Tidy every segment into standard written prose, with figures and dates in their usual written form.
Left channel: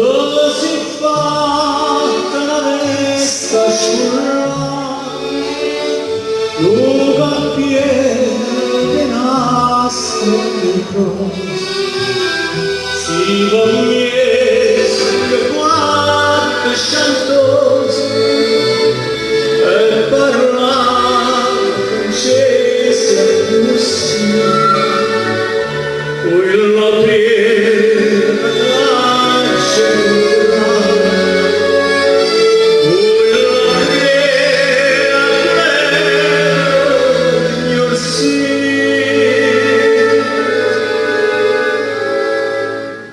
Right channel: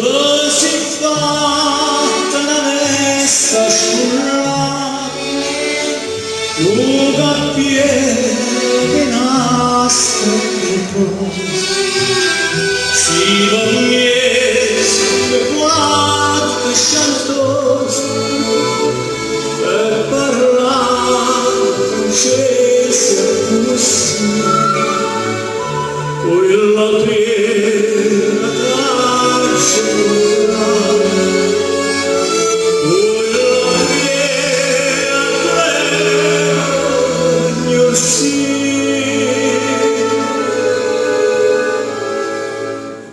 così fatta una messa sciurrata, lunga piede nastro che cosa, si vogliesse che quanto sciantoso e parlava scese così, quella prima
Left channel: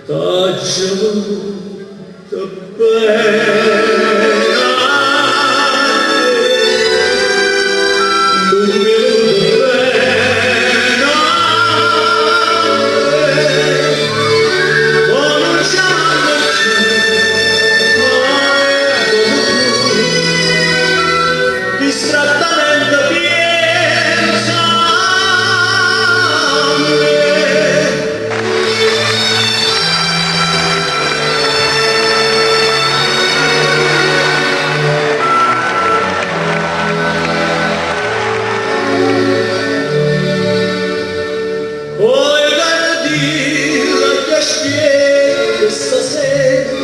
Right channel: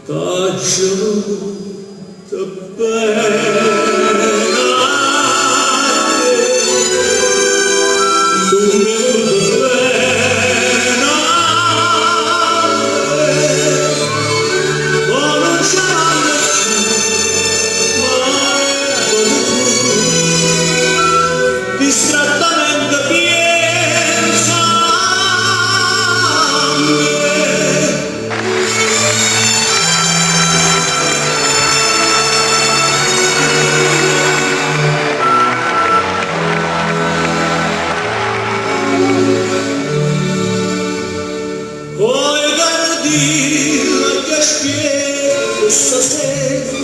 traccia distrattamente pensa a me. Poi gardì la che spiega stasera